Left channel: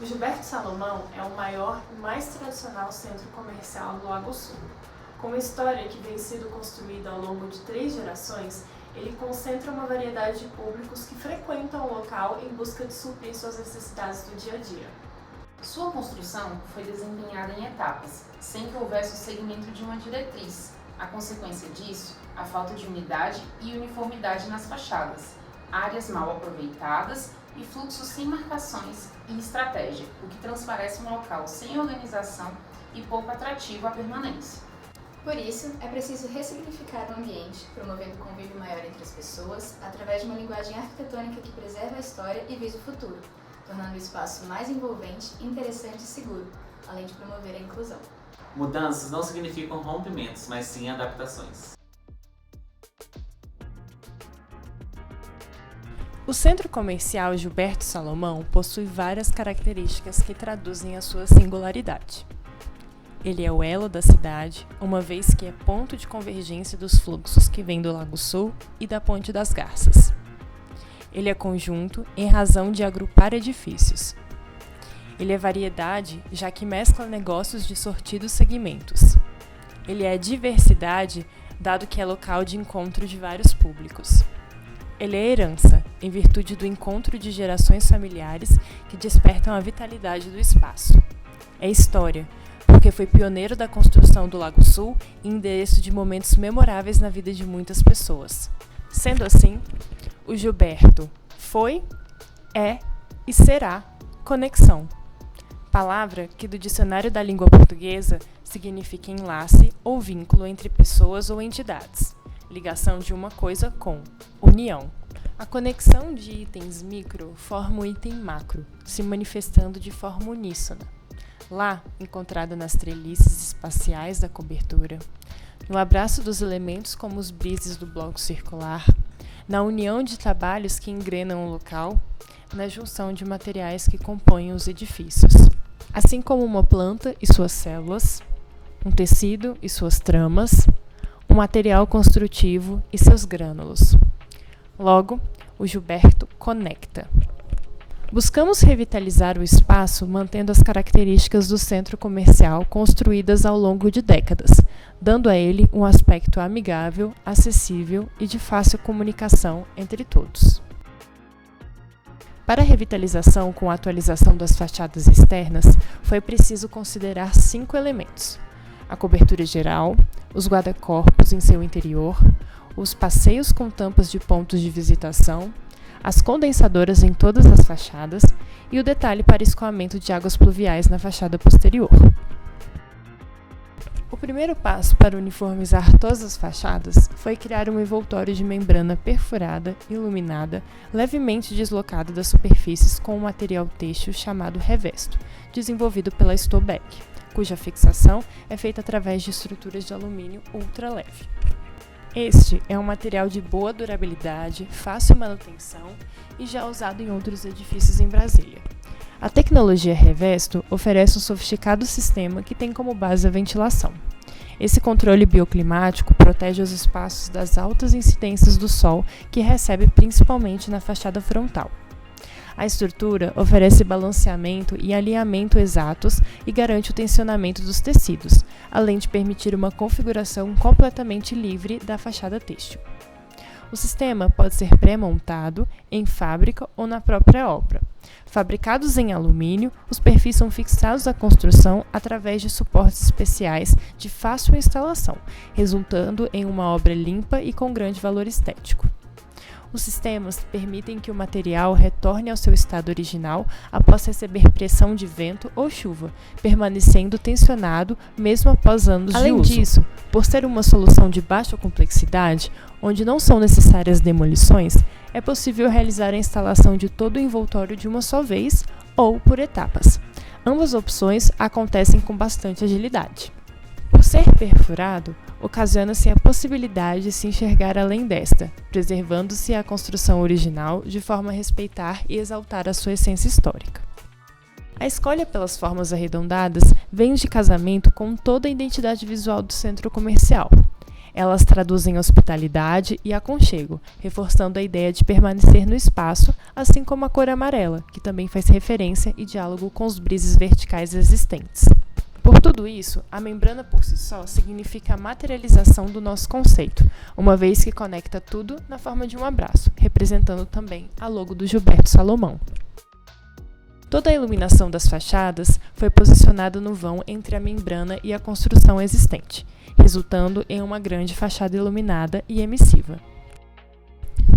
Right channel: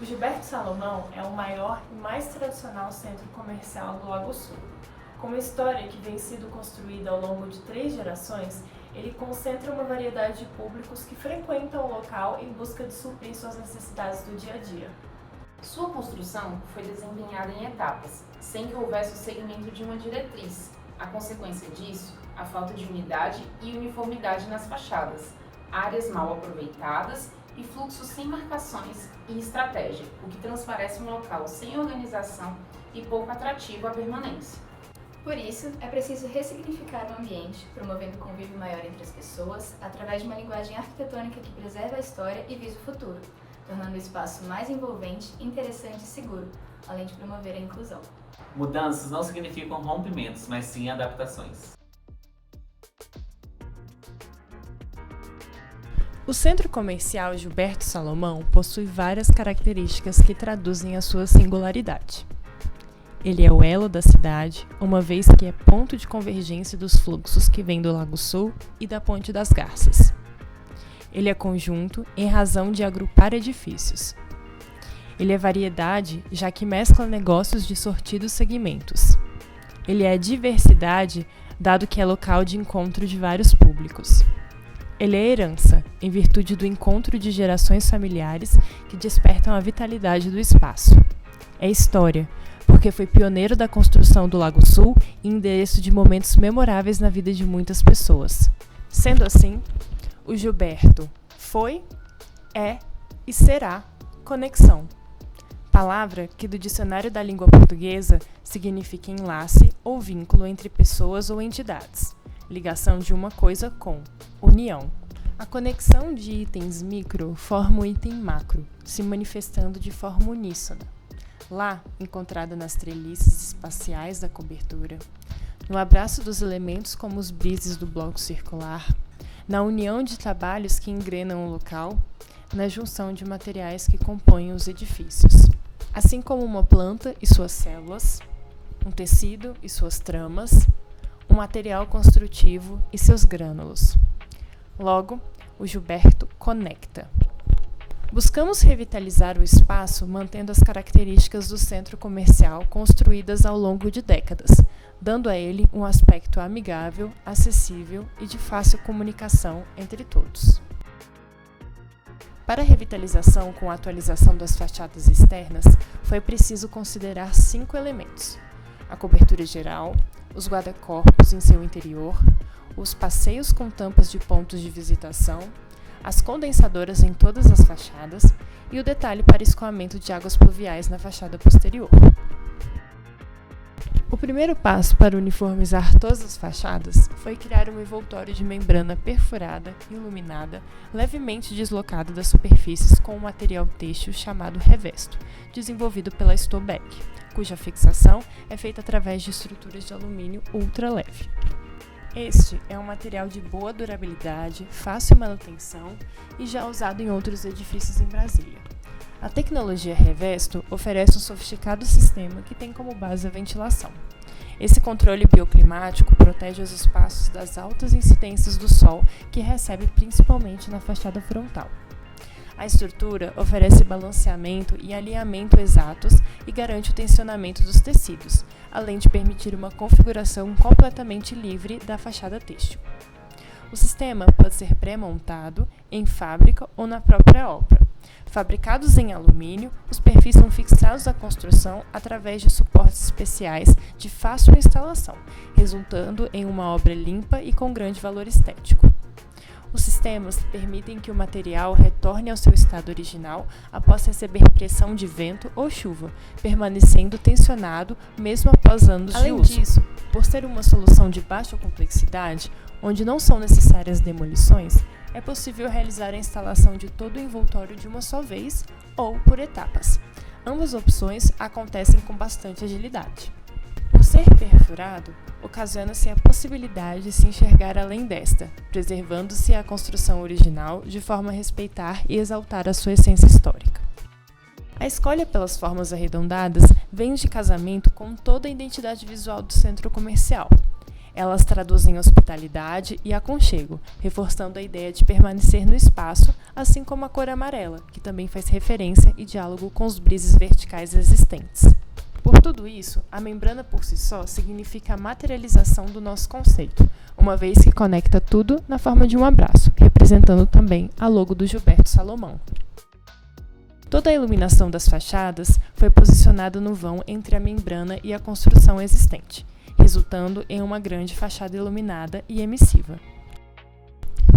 O Gilberto Salomão é o maior e mais tradicional centro comercial do Lago Sul. Com uma história que vem sendo construída ao longo de 3 gerações, ele concentra uma variedade de públicos que frequentam o local em busca de suprir suas necessidades do dia a dia. Sua construção foi desempenhada em etapas, sem que houvesse o segmento de uma diretriz. A consequência disso, a falta de unidade e uniformidade nas fachadas, áreas mal aproveitadas e fluxos sem marcações e estratégia, o que transparece um local sem organização e pouco atrativo à permanência. Por isso, é preciso ressignificar o ambiente, promovendo convívio maior entre as pessoas, através de uma linguagem arquitetônica que preserva a história e visa o futuro, tornando o espaço mais envolvente, interessante e seguro, além de promover a inclusão. Mudanças não significam rompimentos, mas sim adaptações. O Centro Comercial Gilberto Salomão possui várias características que traduzem a sua singularidade. Ele é o elo da cidade, uma vez que é ponto de convergência dos fluxos que vêm do Lago Sul e da Ponte das Garças. Ele é conjunto em razão de agrupar edifícios. Ele é variedade, já que mescla negócios de sortidos segmentos. Ele é diversidade, dado que é local de encontro de vários públicos. Ele é herança, em virtude do encontro de gerações familiares que despertam a vitalidade do espaço. É história, porque foi pioneiro da construção do Lago Sul e endereço de momentos memoráveis na vida de muitas pessoas. Sendo assim, o Gilberto foi, é e será conexão. Palavra que do dicionário da língua portuguesa significa enlace ou vínculo entre pessoas ou entidades. Ligação de uma coisa com, união. A conexão de itens micro forma o item macro, se manifestando de forma uníssona. Lá, encontrada nas treliçes espaciais da cobertura, no abraço dos elementos como os brises do bloco circular, na união de trabalhos que engrenam o local, na junção de materiais que compõem os edifícios. Assim como uma planta e suas células, um tecido e suas tramas, um material construtivo e seus grânulos. Logo, o Gilberto conecta. Buscamos revitalizar o espaço mantendo as características do centro comercial construídas ao longo de décadas, dando a ele um aspecto amigável, acessível e de fácil comunicação entre todos. Para a revitalização com a atualização das fachadas externas, foi preciso considerar 5 elementos: a cobertura geral, os guarda-corpos em seu interior, os passeios com tampas de pontos de visitação, as condensadoras em todas as fachadas e o detalhe para escoamento de águas pluviais na fachada posterior. O primeiro passo para uniformizar todas as fachadas foi criar um envoltório de membrana perfurada, iluminada, levemente deslocada das superfícies com um material têxtil chamado revesto, desenvolvido pela Stobeck, cuja fixação é feita através de estruturas de alumínio ultra leve. Este é um material de boa durabilidade, fácil manutenção e já usado em outros edifícios em Brasília. A tecnologia Revesto oferece um sofisticado sistema que tem como base a ventilação. Esse controle bioclimático protege os espaços das altas incidências do sol que recebe principalmente na fachada frontal. A estrutura oferece balanceamento e alinhamento exatos e garante o tensionamento dos tecidos, além de permitir uma configuração completamente livre da fachada têxtil. O sistema pode ser pré-montado, em fábrica ou na própria obra. Fabricados em alumínio, os perfis são fixados à construção através de suportes especiais de fácil instalação, resultando em uma obra limpa e com grande valor estético. Os sistemas permitem que o material retorne ao seu estado original após receber pressão de vento ou chuva, permanecendo tensionado mesmo após anos de uso. Além disso, por ser uma solução de baixa complexidade, onde não são necessárias demolições, é possível realizar a instalação de todo o envoltório de uma só vez ou por etapas. Ambas opções acontecem com bastante agilidade. Por ser perfurado, ocasiona-se a possibilidade de se enxergar além desta, preservando-se a construção original de forma a respeitar e exaltar a sua essência histórica. A escolha pelas formas arredondadas vem de casamento com toda a identidade visual do centro comercial. Elas traduzem hospitalidade e aconchego, reforçando a ideia de permanecer no espaço, assim como a cor amarela, que também faz referência e diálogo com os brises verticais existentes. Por tudo isso, a membrana por si só significa a materialização do nosso conceito, uma vez que conecta tudo na forma de um abraço, representando também a logo do Gilberto Salomão. Toda a iluminação das fachadas foi posicionada no vão entre a membrana e a construção existente, resultando em uma grande fachada iluminada e emissiva.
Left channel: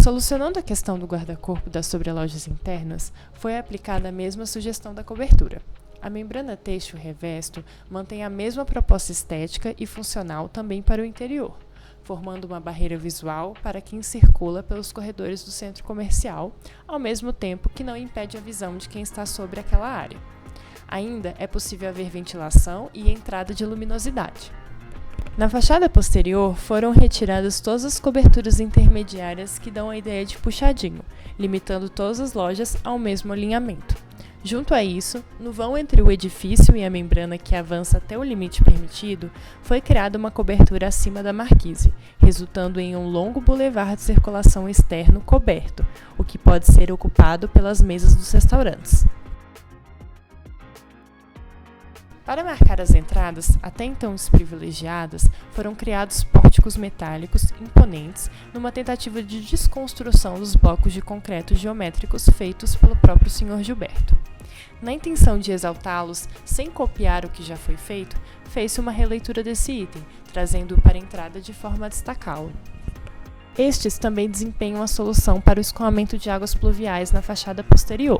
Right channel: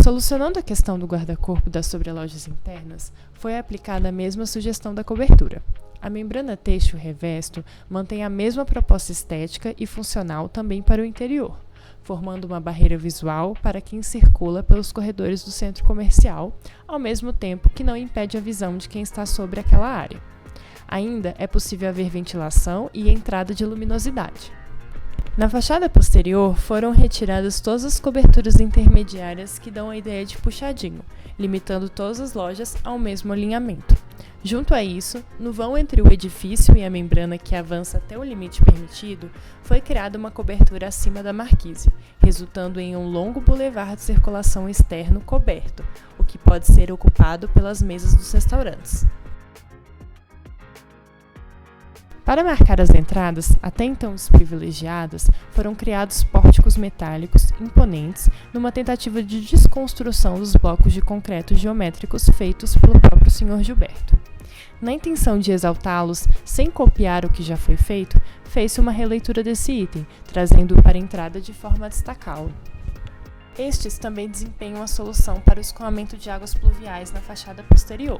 Solucionando a questão do guarda-corpo das sobrelojas internas, foi aplicada a mesma sugestão da cobertura. A membrana têxtil revesto mantém a mesma proposta estética e funcional também para o interior, formando uma barreira visual para quem circula pelos corredores do centro comercial, ao mesmo tempo que não impede a visão de quem está sobre aquela área. Ainda é possível haver ventilação e entrada de luminosidade. Na fachada posterior foram retiradas todas as coberturas intermediárias que dão a ideia de puxadinho, limitando todas as lojas ao mesmo alinhamento. Junto a isso, no vão entre o edifício e a membrana que avança até o limite permitido, foi criada uma cobertura acima da marquise, resultando em um longo bulevar de circulação externo coberto, o que pode ser ocupado pelas mesas dos restaurantes. Para marcar as entradas, até então desprivilegiadas, foram criados pórticos metálicos imponentes numa tentativa de desconstrução dos blocos de concreto geométricos feitos pelo próprio Sr. Gilberto. Na intenção de exaltá-los, sem copiar o que já foi feito, fez-se uma releitura desse item, trazendo-o para a entrada de forma a destacá-lo. Estes também desempenham a solução para o escoamento de águas pluviais na fachada posterior.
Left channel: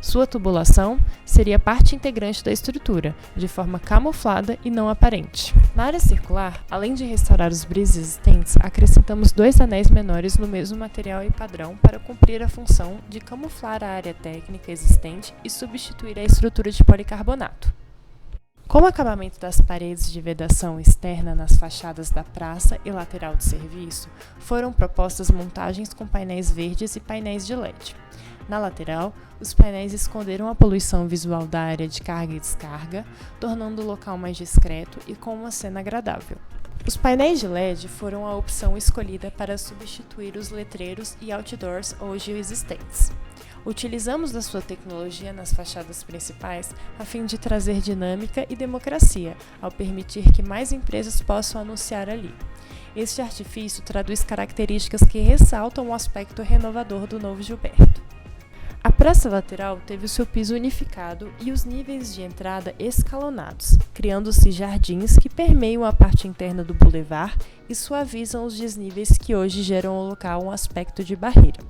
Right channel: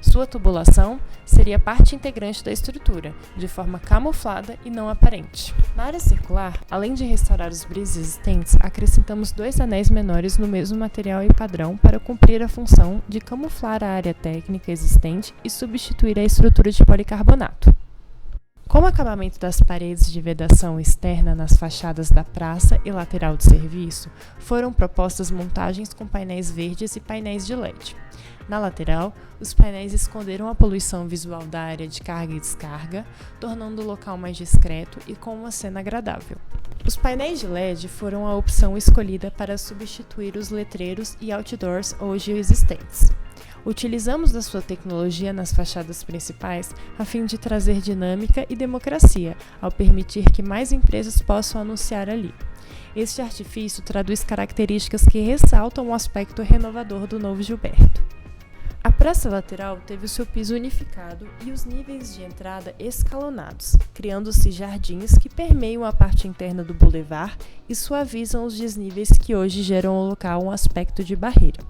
Sua tubulação seria parte integrante da estrutura, de forma camuflada e não aparente. Na área circular, além de restaurar os brises existentes, acrescentamos 2 anéis menores no mesmo material e padrão para cumprir a função de camuflar a área técnica existente e substituir a estrutura de policarbonato. Como acabamento das paredes de vedação externa nas fachadas da praça e lateral de serviço, foram propostas montagens com painéis verdes e painéis de LED. Na lateral, os painéis esconderam a poluição visual da área de carga e descarga, tornando o local mais discreto e com uma cena agradável. Os painéis de LED foram a opção escolhida para substituir os letreiros e outdoors hoje existentes. Utilizamos da sua tecnologia nas fachadas principais a fim de trazer dinâmica e democracia, ao permitir que mais empresas possam anunciar ali. Este artifício traduz características que ressaltam o aspecto renovador do novo Gilberto. A praça lateral teve o seu piso unificado e os níveis de entrada escalonados, criando-se jardins que permeiam a parte interna do bulevar e suavizam os desníveis que hoje geram ao local um aspecto de barreira.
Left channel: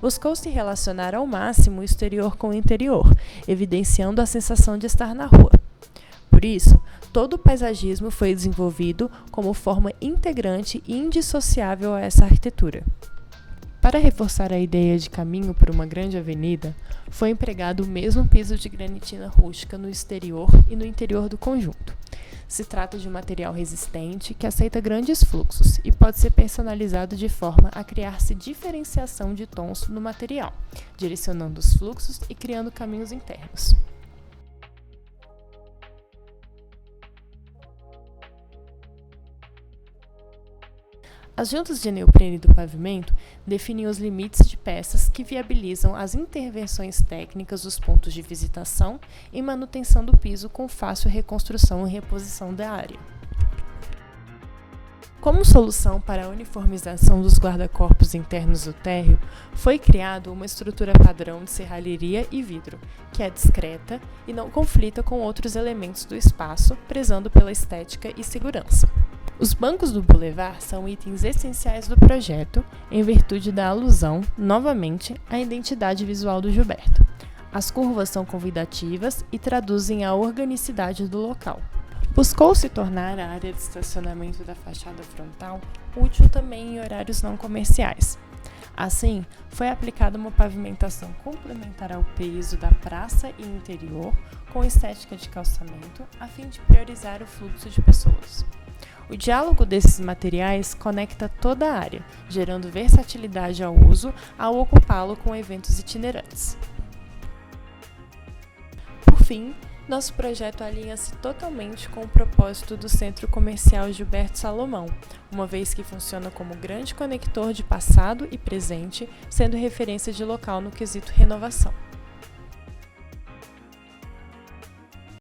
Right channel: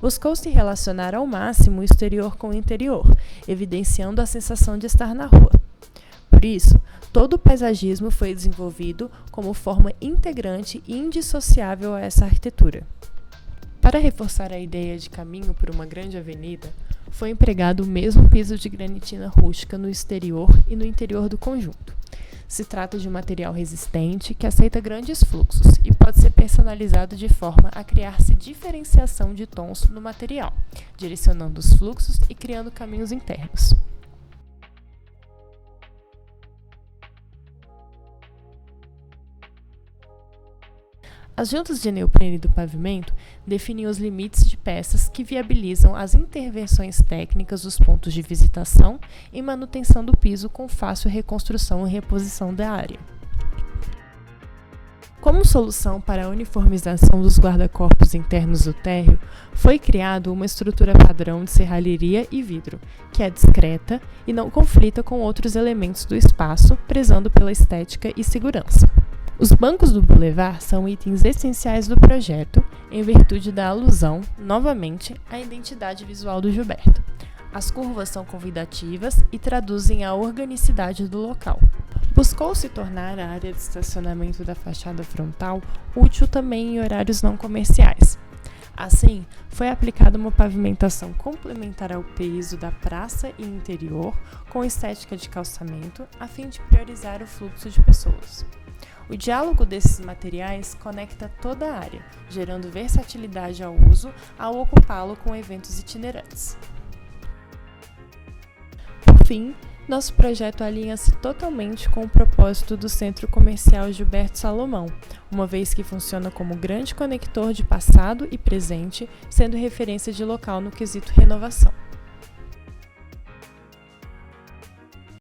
Buscou-se relacionar ao máximo o exterior com o interior, evidenciando a sensação de estar na rua. Por isso, todo o paisagismo foi desenvolvido como forma integrante e indissociável a essa arquitetura. Para reforçar a ideia de caminho por uma grande avenida, foi empregado o mesmo piso de granitina rústica no exterior e no interior do conjunto. Se trata de um material resistente que aceita grandes fluxos e pode ser personalizado de forma a criar-se diferenciação de tons no material, direcionando os fluxos e criando caminhos internos. As juntas de neoprene do pavimento definem os limites de peças que viabilizam as intervenções técnicas dos pontos de visitação e manutenção do piso com fácil reconstrução e reposição da área. Como solução para a uniformização dos guarda-corpos internos do térreo, foi criado uma estrutura padrão de serralheria e vidro, que é discreta e não conflita com outros elementos do espaço, prezando pela estética e segurança. Os bancos do bulevar são itens essenciais do projeto, em virtude da alusão, novamente, à identidade visual do Gilberto. As curvas são convidativas e traduzem a organicidade do local. Buscou-se tornar a área de estacionamento da fachada frontal útil também em horários não comerciais. Assim, foi aplicada uma pavimentação complementar ao piso da praça e interior, com estética de calçamento, a fim de priorizar o fluxo de pessoas. O diálogo desses materiais conecta toda a área, gerando versatilidade ao uso ao ocupá-lo com eventos itinerantes. Por fim, Nosso projeto alinha-se totalmente com o propósito do Centro Comercial Gilberto Salomão, uma vez que funciona como grande conector de passado e presente, sendo referência de local no quesito renovação.